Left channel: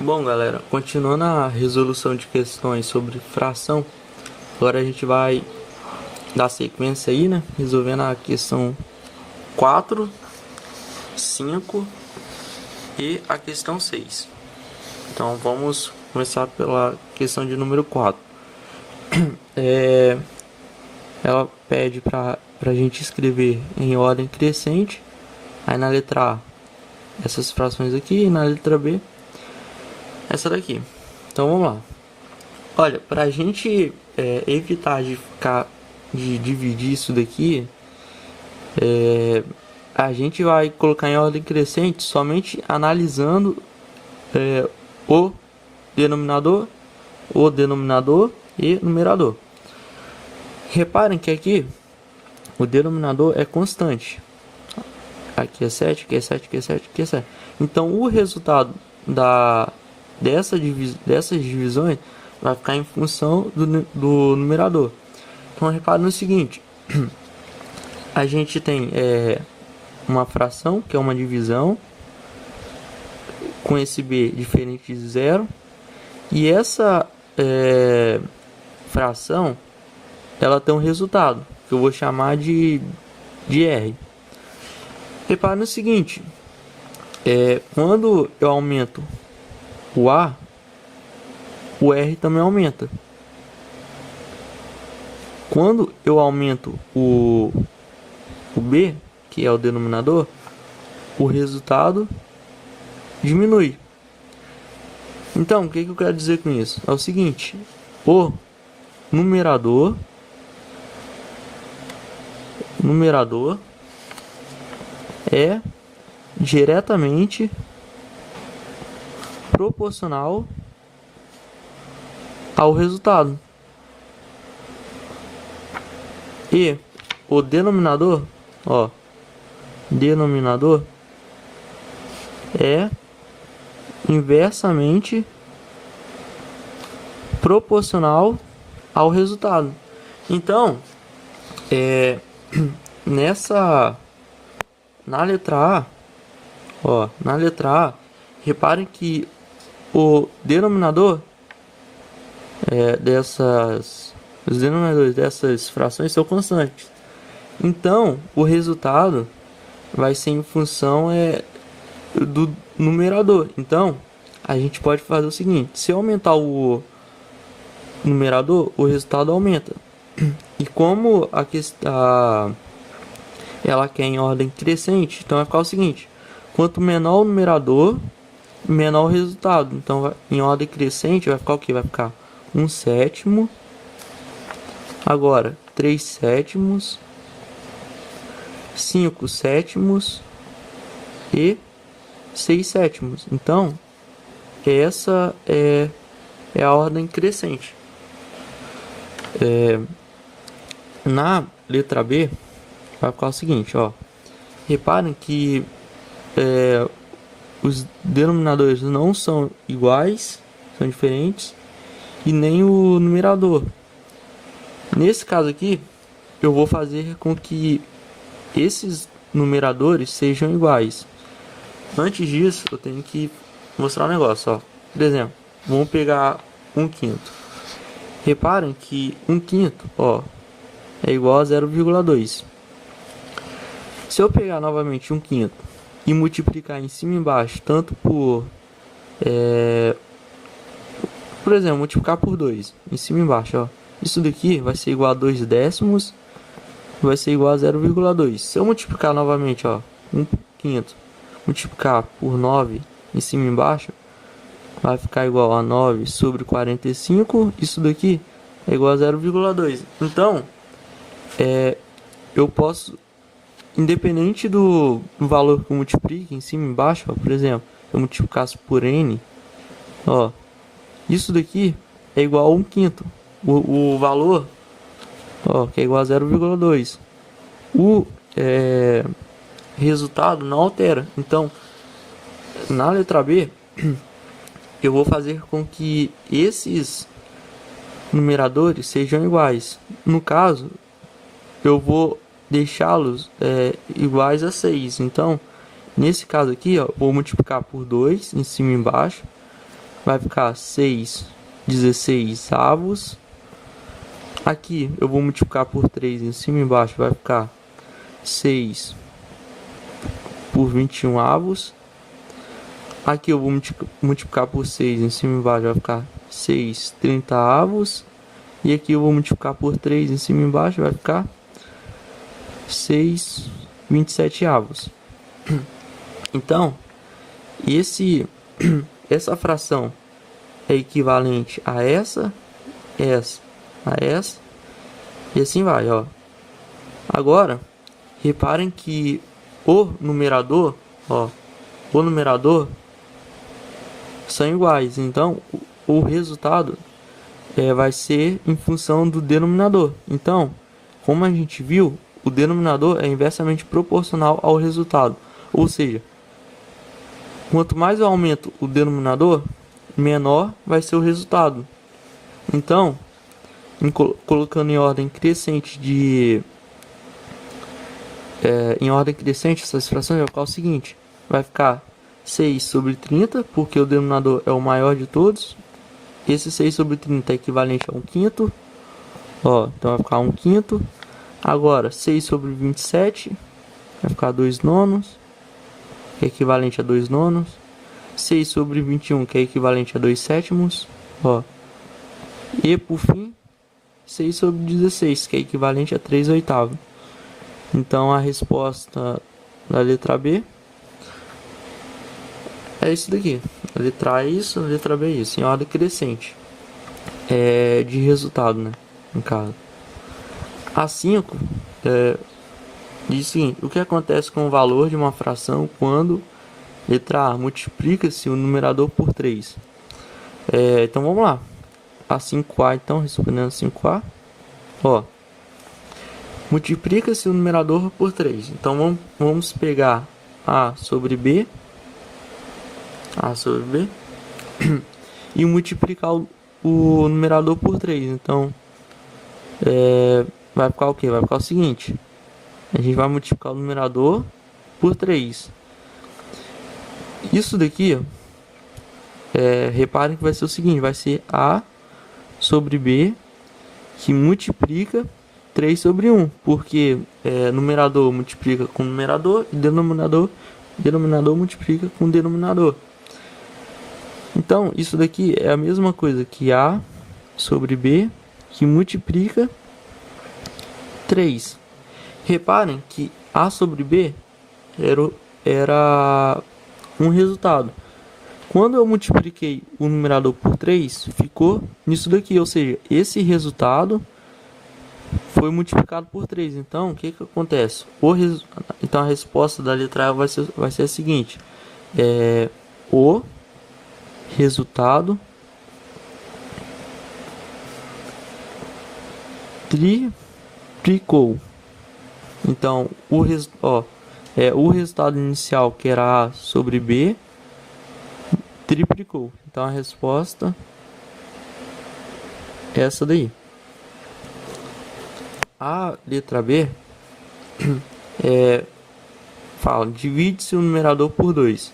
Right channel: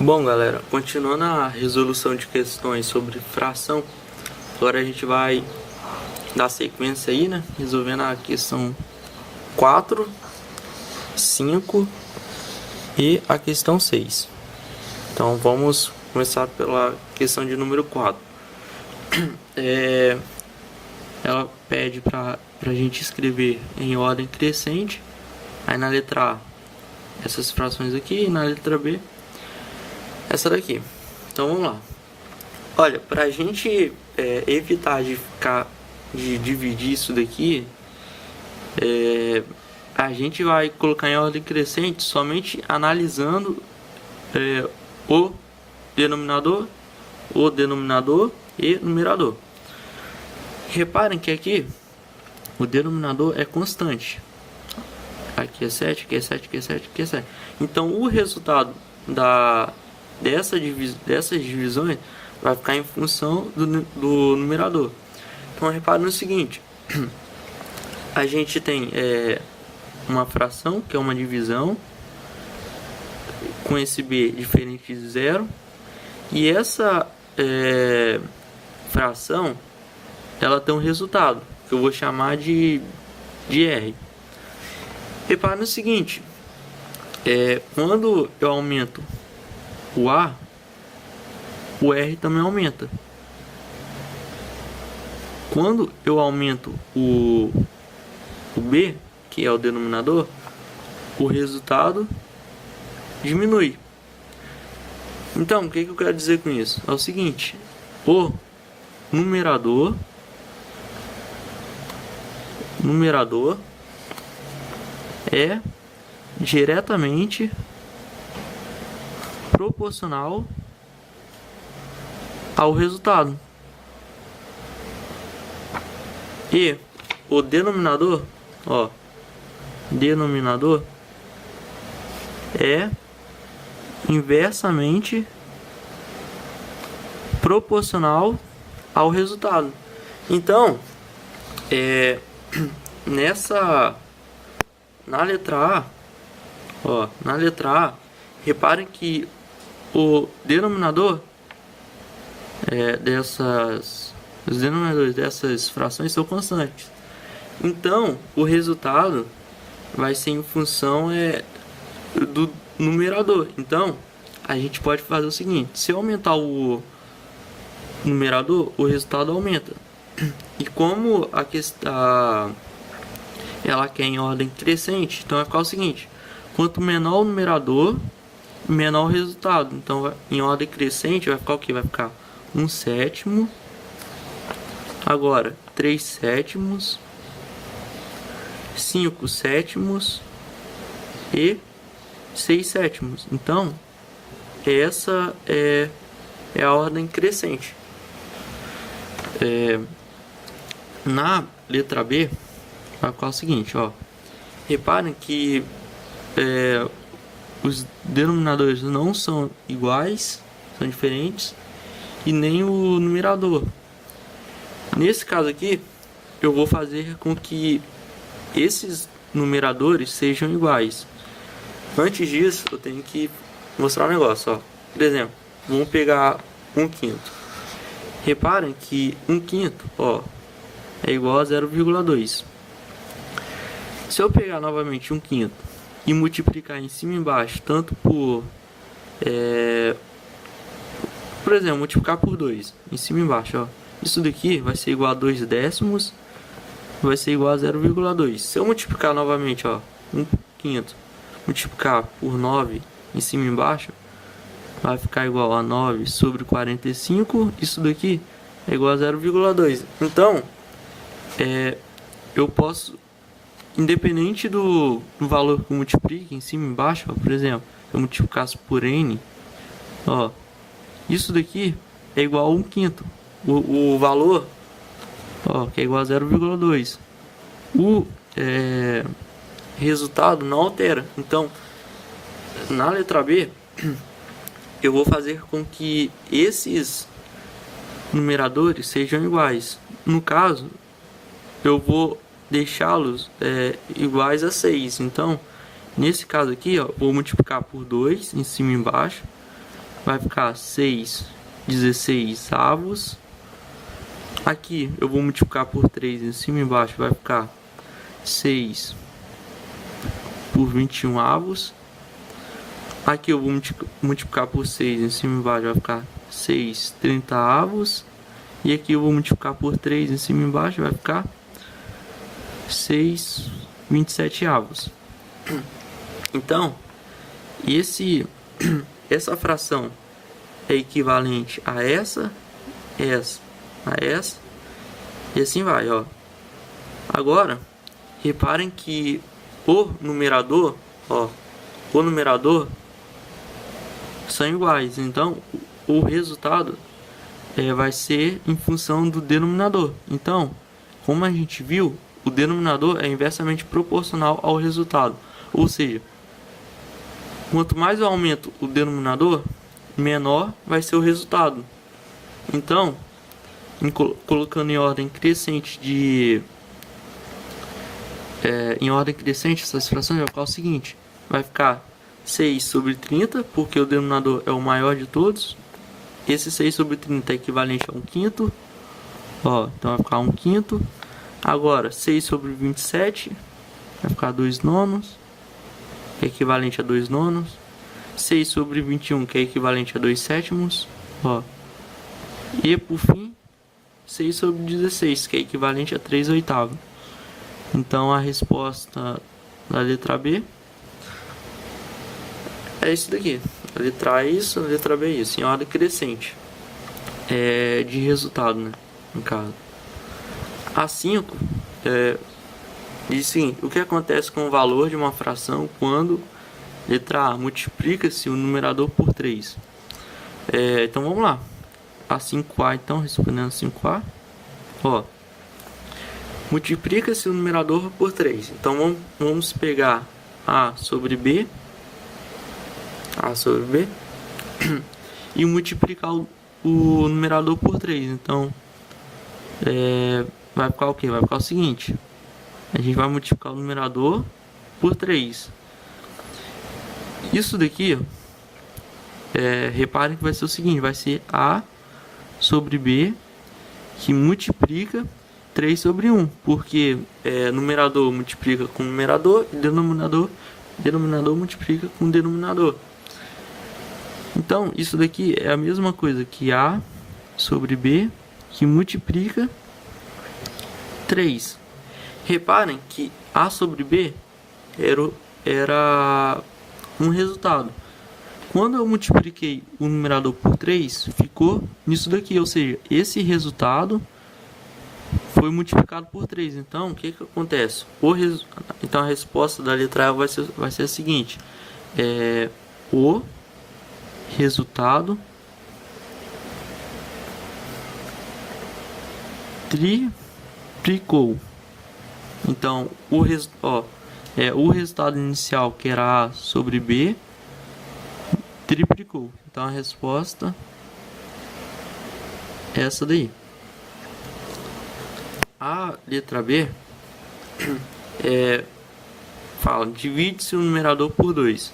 Bom, galera, continuando a resolução de questões sobre fração, agora a gente vai dar sequência aí, né? Resolvendo a questão 4, 5 e a questão 6. Então vamos começar pela questão de número 4. Ela pede para a gente escrever em ordem crescente, aí na letra A essas frações aqui e na letra B essa daqui. Então vamos lá. Olha, para a gente evitar de dividir isso daqui, a gente vai colocar em ordem crescente somente analisando o denominador e numerador. Reparem que aqui o denominador é constante. Aqui é 7, aqui é 7, aqui é 7, aqui é 7. Então o resultado dessas divisões vai ficar em função do numerador. Então repare no seguinte: a gente tem uma fração, que é uma divisão, com esse b diferente de zero, e essa fração ela tem um resultado, que eu vou chamar de R. Repare no seguinte: quando eu aumento o A, o R também aumenta. Quando eu aumento o B, que é o denominador, o resultado diminui. Então, o que eu quero dizer com isso? É o seguinte: o numerador é diretamente proporcional ao resultado, e o denominador é inversamente proporcional ao resultado. Então, na letra A, reparem que o denominador os denominadores dessas frações são constantes. Então, o resultado vai ser em função do numerador. Então, a gente pode fazer o seguinte: se eu aumentar o numerador, o resultado aumenta. E como ela quer em ordem crescente, então vai ficar o seguinte: quanto menor o numerador, menor o resultado. Então, em ordem crescente, vai ficar o que? Vai ficar 1/7, agora 3/7, 5/7 e 6/7. Então, essa é a ordem crescente. Na letra B, vai ficar o seguinte, reparem que os denominadores não são iguais, são diferentes, e nem o numerador. Nesse caso aqui, eu vou fazer com que esses numeradores sejam iguais. Antes disso, eu tenho que mostrar um negócio, Por exemplo, vamos pegar 1/5. Reparem que 1/5, é igual a 0,2. Se eu pegar novamente 1/5 e multiplicar em cima e embaixo, tanto por exemplo, multiplicar por 2, em cima e embaixo, isso daqui vai ser igual a 2/10, vai ser igual a 0,2. Se eu multiplicar novamente, 1/5, multiplicar por 9 em cima e embaixo, vai ficar igual a 9 sobre 45, isso daqui é igual a 0,2. Então, eu posso, independente do valor que eu multiplique em cima e embaixo, por exemplo, se eu multiplicasse por n, isso daqui é igual a 1/5. O valor, que é igual a 0,2. O resultado não altera. Então, na letra B, eu vou fazer com que esses numeradores sejam iguais. No caso, eu vou deixá-los iguais a 6. Então, nesse caso aqui, vou multiplicar por 2 em cima e embaixo. vai ficar 6/16. Aqui eu vou multiplicar por 3 em cima e embaixo, vai ficar 6/21. Aqui eu vou multiplicar por 6 em cima e embaixo, vai ficar 6/30. E aqui eu vou multiplicar por 3 em cima e embaixo, vai ficar 6/27. Então, essa fração é equivalente a essa, a essa, e assim vai, ó. Agora, reparem que o numerador são iguais, então o resultado vai ser em função do denominador. Então, como a gente viu, o denominador é inversamente proporcional ao resultado, ou seja, quanto mais eu aumento o denominador, menor vai ser o resultado. Então, colocando em ordem crescente essas frações, vai ficar o seguinte: vai ficar 6/30, porque o denominador é o maior de todos. Esse 6/30 é equivalente a 1/5. Ó, então vai ficar 1/5. Agora, 6/27 vai ficar 2/9, que é equivalente a 2/9. 6/21, que é equivalente a 2/7. Ó. E por fim, 6/16, que é equivalente a 3/8. Então a resposta da letra B é isso daqui. A letra A é isso, a letra B é isso, em ordem crescente. De resultado, né? No caso. A5 diz o seguinte: o que acontece com o valor de uma fração quando, letra A, multiplica-se o numerador por 3? Então vamos lá. A 5A, então, respondendo a 5A, ó, multiplica-se o numerador por 3. Então vamos pegar A sobre B e multiplicar o numerador por 3. Então vai ficar o que? Vai ficar o seguinte: a gente vai multiplicar o numerador por 3. Isso daqui, reparem que vai ser o seguinte: vai ser A sobre B que multiplica 3/1, porque numerador multiplica com numerador e denominador multiplica com denominador. Então, isso daqui é a mesma coisa que A sobre B que multiplica 3. Reparem que A sobre B era um resultado. Quando eu multipliquei o numerador por 3, ficou nisso daqui, ou seja, esse resultado foi multiplicado por 3. Então, o que acontece? Então, a resposta da letra A vai ser a seguinte: o resultado triplicou. Então, o resultado inicial, que era A sobre B, triplicou. Então, a resposta é essa daí. A letra B fala: divide-se o numerador por 2.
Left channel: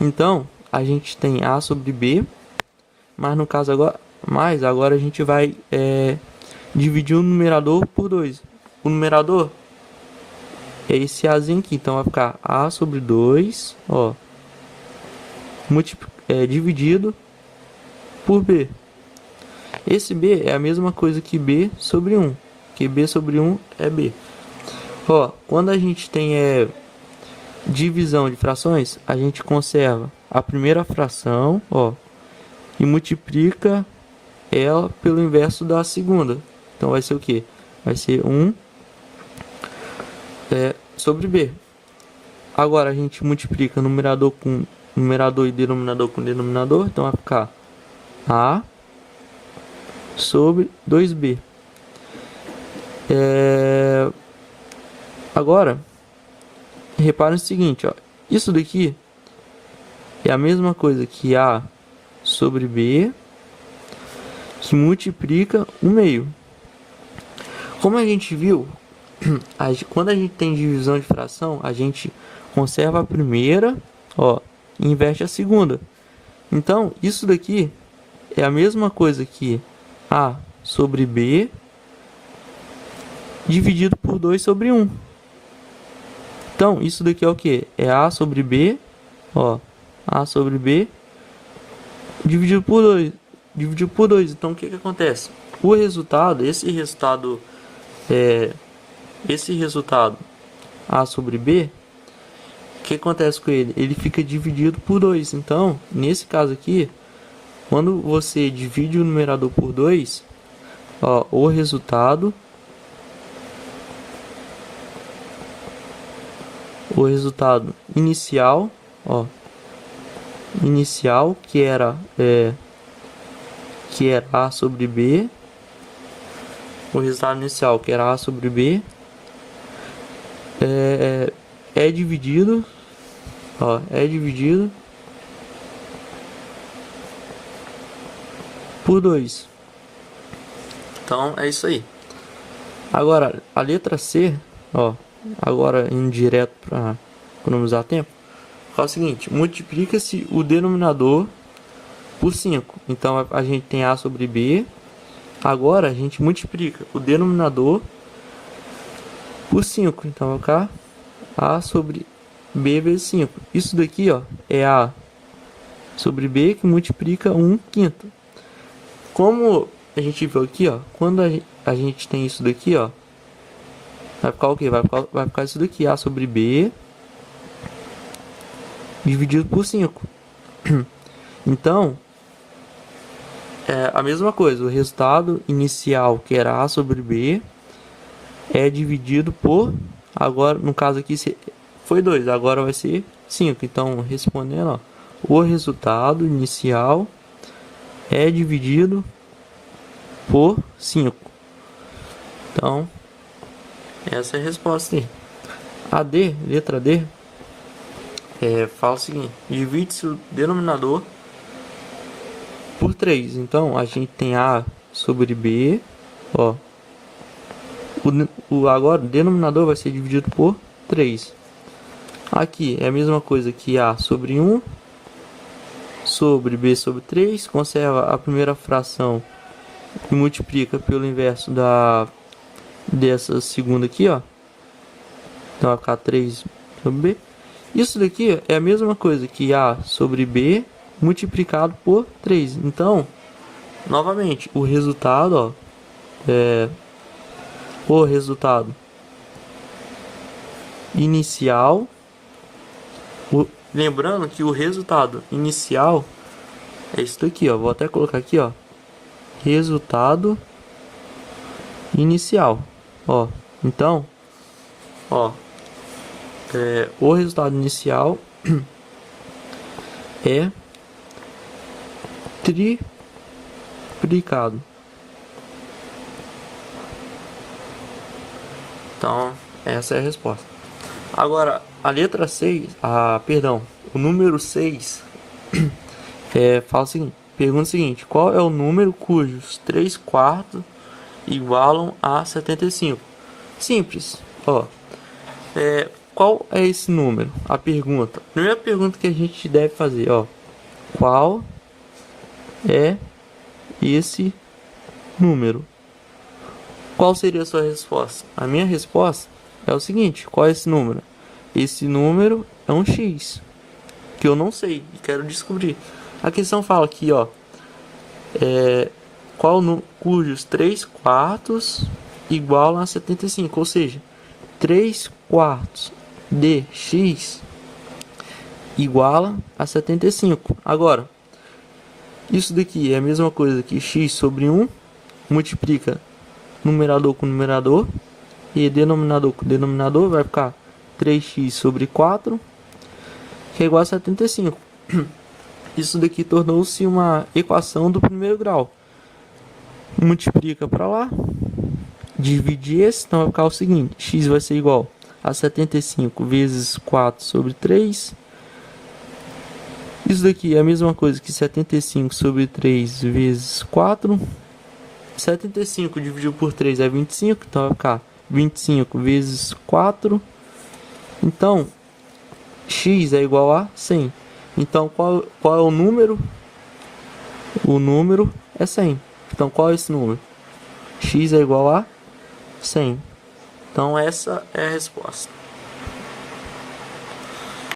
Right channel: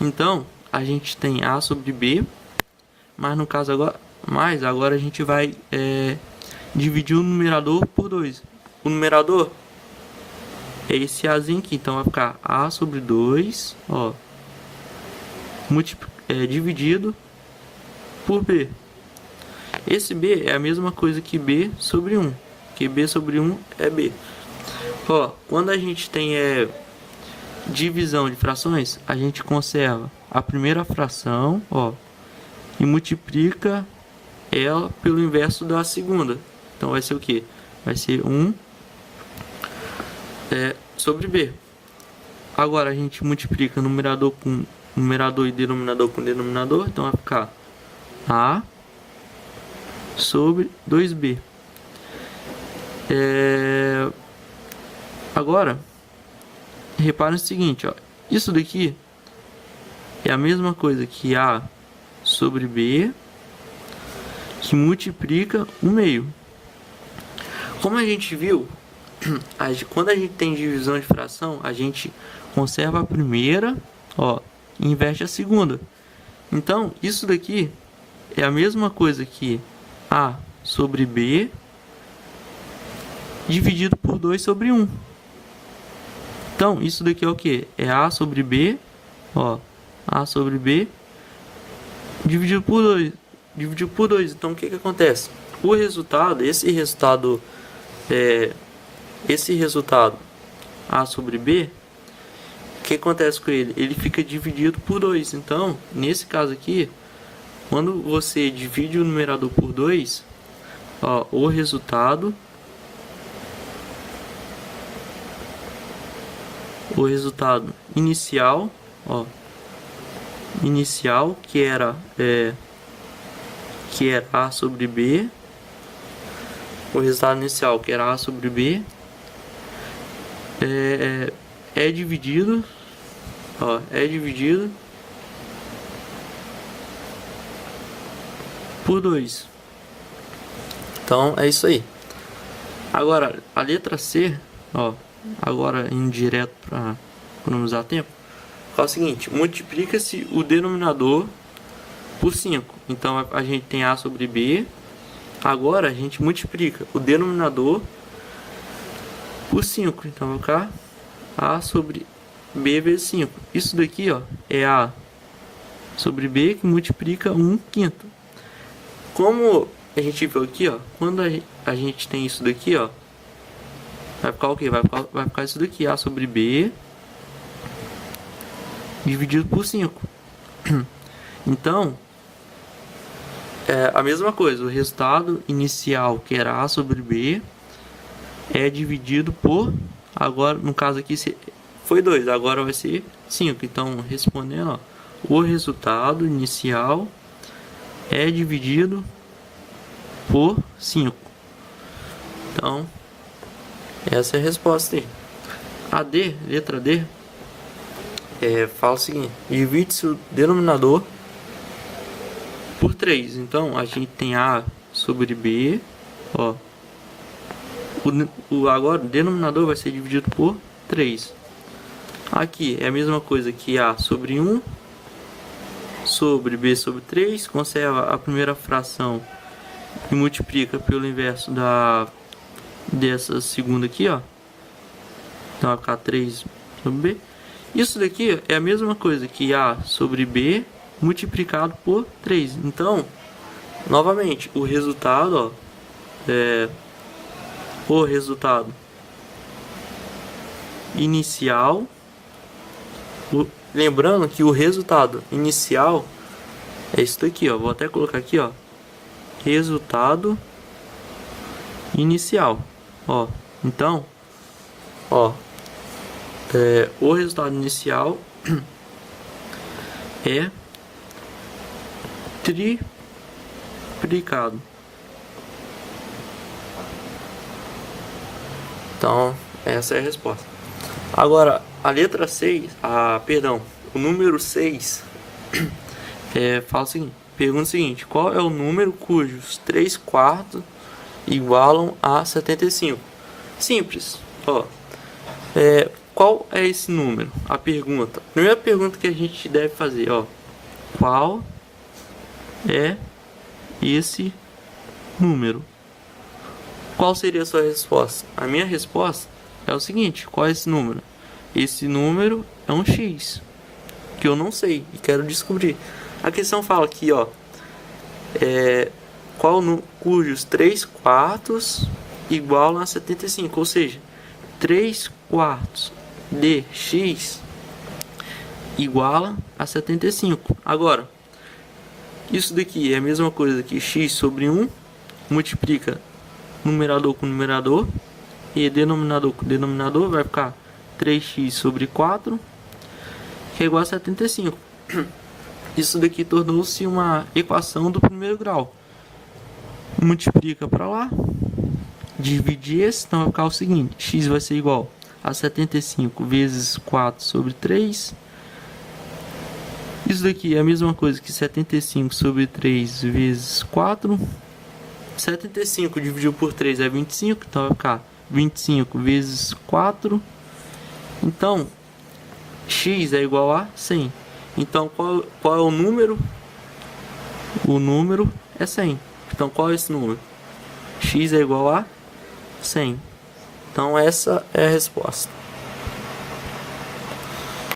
Então, a gente tem A sobre B, mas no caso agora a gente vai dividir o numerador por 2. O numerador é esse Azinho aqui, então vai ficar A sobre 2, ó, dividido por B. Esse B é a mesma coisa que B sobre 1, que B sobre 1 é B. Ó, quando a gente tem divisão de frações, a gente conserva a primeira fração, ó, e multiplica ela pelo inverso da segunda. Então vai ser o que? Vai ser 1 sobre B. Agora a gente multiplica numerador com numerador e denominador com denominador, então vai ficar A sobre 2B. Agora, reparem o seguinte, ó, isso daqui é a mesma coisa que A sobre B, que multiplica 1/2. Como a gente viu, quando a gente tem divisão de fração, a gente conserva a primeira, ó, e inverte a segunda. Então, isso daqui é a mesma coisa que A sobre B dividido por 2 sobre 1. Então, isso daqui é o que? É A sobre B, ó, A sobre B dividido por 2. Dividido por 2. Então, o que que acontece? O resultado, esse resultado A sobre B, o que acontece com ele? Ele fica dividido por 2. Então, nesse caso aqui, quando você divide o numerador por 2, ó, o resultado inicial, ó, que era A sobre B, o resultado inicial que era A sobre B é dividido, ó, por 2. Então é isso aí. Agora a letra C, ó, agora indo direto para economizar tempo, é o seguinte: multiplica-se o denominador por 5. Então a gente tem A sobre B. Agora a gente multiplica o denominador por 5. Então vai ficar A sobre B vezes 5. Isso daqui, ó, é A sobre B que multiplica 1/5. Como a gente viu aqui, ó, quando a gente tem isso daqui, ó, vai ficar o quê? Vai ficar isso daqui, A sobre B dividido por 5. Então, é a mesma coisa. O resultado inicial, que era A sobre B, é dividido por... Agora, no caso aqui, foi 2. Agora vai ser 5. Então, respondendo, ó, o resultado inicial é dividido por 5. Então, essa é a resposta aí. A D, letra D, fala o seguinte: divide-se o denominador por 3. Então, a gente tem A sobre B, ó. Agora, o denominador vai ser dividido por 3. Aqui é a mesma coisa que A sobre 1 sobre B sobre 3. Conserva a primeira fração e multiplica pelo inverso dessa segunda aqui, ó. Então vai ficar 3 sobre B. Isso daqui é a mesma coisa que A sobre B multiplicado por 3. Então, novamente, o resultado, ó, o resultado inicial, lembrando que o resultado inicial é isso daqui, ó. Vou até colocar aqui, ó, resultado inicial, ó. Então, ó, o resultado inicial é triplicado. Então, essa é a resposta. Agora, a letra 6, o número 6, fala o seguinte, pergunta o seguinte: qual é o número cujos 3/4 igualam a 75? Simples, ó. Qual é esse número? A primeira pergunta que a gente deve fazer, ó, qual é esse número? Qual seria a sua resposta? A minha resposta é o seguinte: qual é esse número? Esse número é um x, que eu não sei e quero descobrir. A questão fala aqui, ó, cujos 3/4 igualam a 75, ou seja, 3/4 de x iguala a 75. Agora, isso daqui é a mesma coisa que x sobre 1, multiplica numerador com numerador e denominador com denominador, vai ficar 3x sobre 4, que é igual a 75. Isso daqui tornou-se uma equação do primeiro grau. Multiplica para lá, dividir esse, então vai ficar o seguinte: x vai ser igual a 75 vezes 4 sobre 3. Isso daqui é a mesma coisa que 75 sobre 3 vezes 4. 75 dividido por 3 é 25, então vai ficar 25 vezes 4. Então, x é igual a 100. Então, qual é o número O número é 100. Então qual é esse número? X é igual a 100. Então essa é a resposta.